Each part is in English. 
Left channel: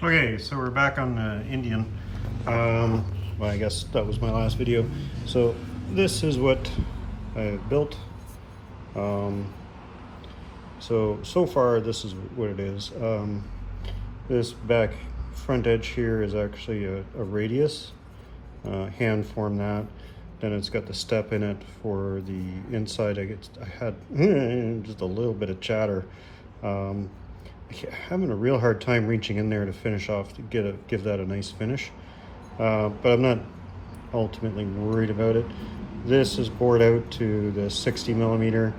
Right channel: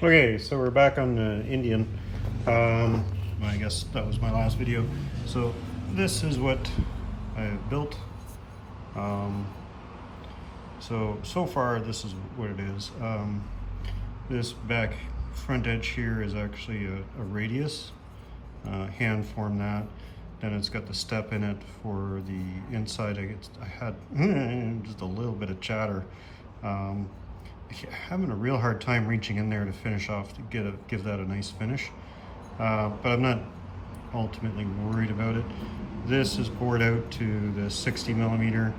Okay, so we're back on the Indian. Well, I guess that was my last video. So this is what I have built. Um, so far this is what it is. This back front edge here is actually a radius. Hand formed that. Then it's got the step in it for the inside. I had just a little bit of chatter. Having a real hard time reaching in there to finish off to give that a nice finish, but I'm not ultimately worried about it. This is bored out to the 60 millimeter.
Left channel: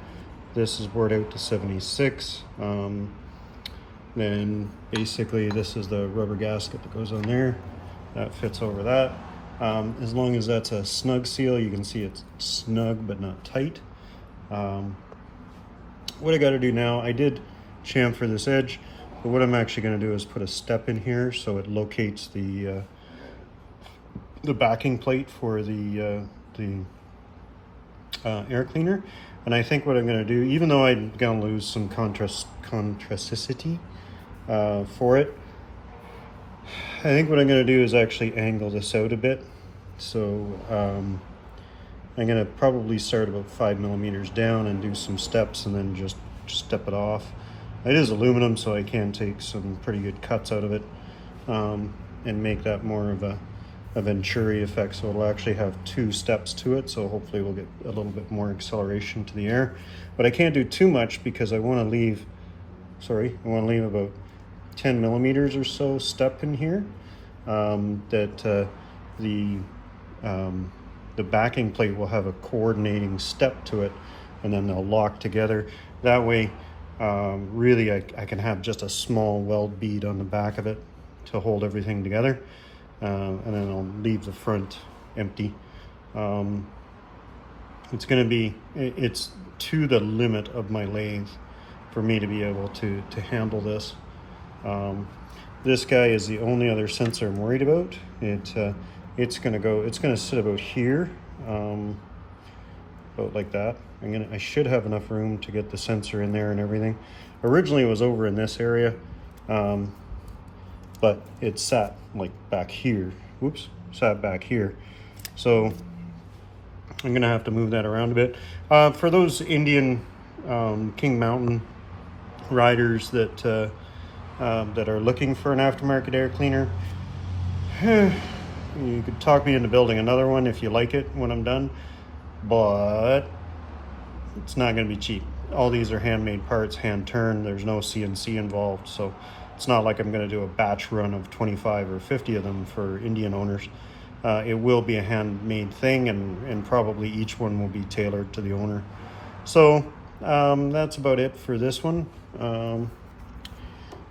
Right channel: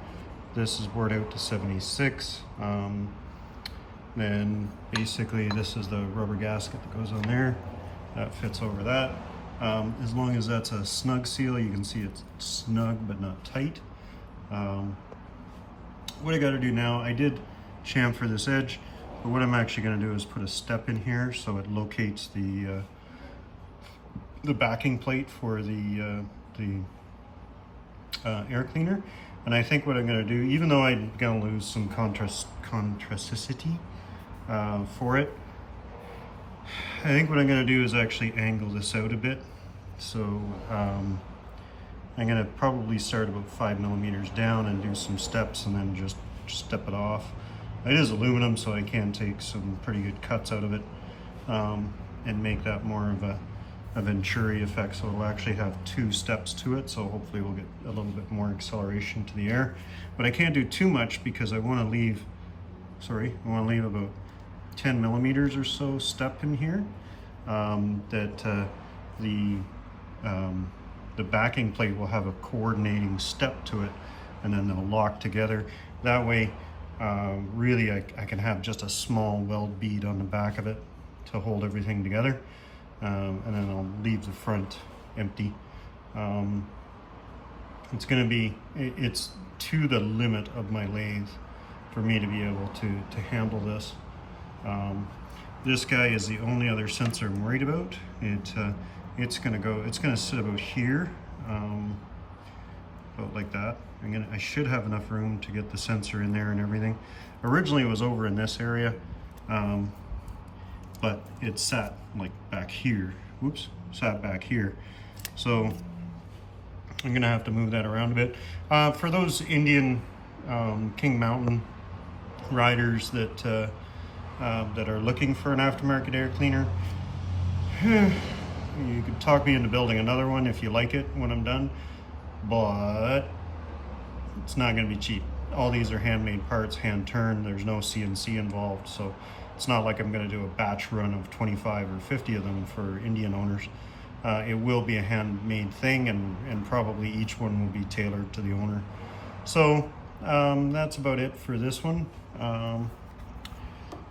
This is bored out to 76. Then basically this is the rubber gasket that goes on there. That fits over that. As long as that's a snug seal, you can see it's snug but not tight. What I got to do now, I did chamfer this edge, but what I'm actually going to do is put a step in here so it locates the backing plate for the air cleaner. And I think what I'm going to do, even though I'm going to lose some contrasticity for it, I think what I'm going to do is actually angle this out a bit. So I'm going to probably start about 5 millimeters down and do some steps and then just step it off. It is aluminum, so I can take some pretty good cuts out of it and make that more of a Venturi effect. So it'll actually have 2 steps to it, so hopefully we'll get a little bit more acceleration to the air. But I can't do too much because I want to leave, about 10 millimeters or so step in here, that the backing plate will have a coordinating step to it, and then they'll lock together. That way, really I can have just a small weld bead on the back of it to hold everything together, and then I'll leave the front empty. It's to the limit of my lathe for me to be able to handle this. This guy is the only other sensor I'm worried about. It's gonna sit about here, about like that. I should have enough room to get the sensor in there and everything. Originally it was over in this area, but it sat like back here. Whoops, sat back here. So I'm gonna have to move that around a bit. For those Indian King Mountain riders that are looking for an aftermarket air cleaner, you could talk me into building another one if you like it when I'm done, but it's not going to be cheap. All these are handmade parts, hand turned. There's no CNC involved, so it's not like I'm going to do a batch run of 25 or 50 of them for Indian owners. It will be a handmade thing, and probably each one will be tailored to the owner. So that's about it for this one.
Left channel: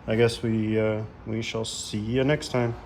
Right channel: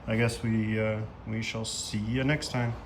I guess we shall see you next time.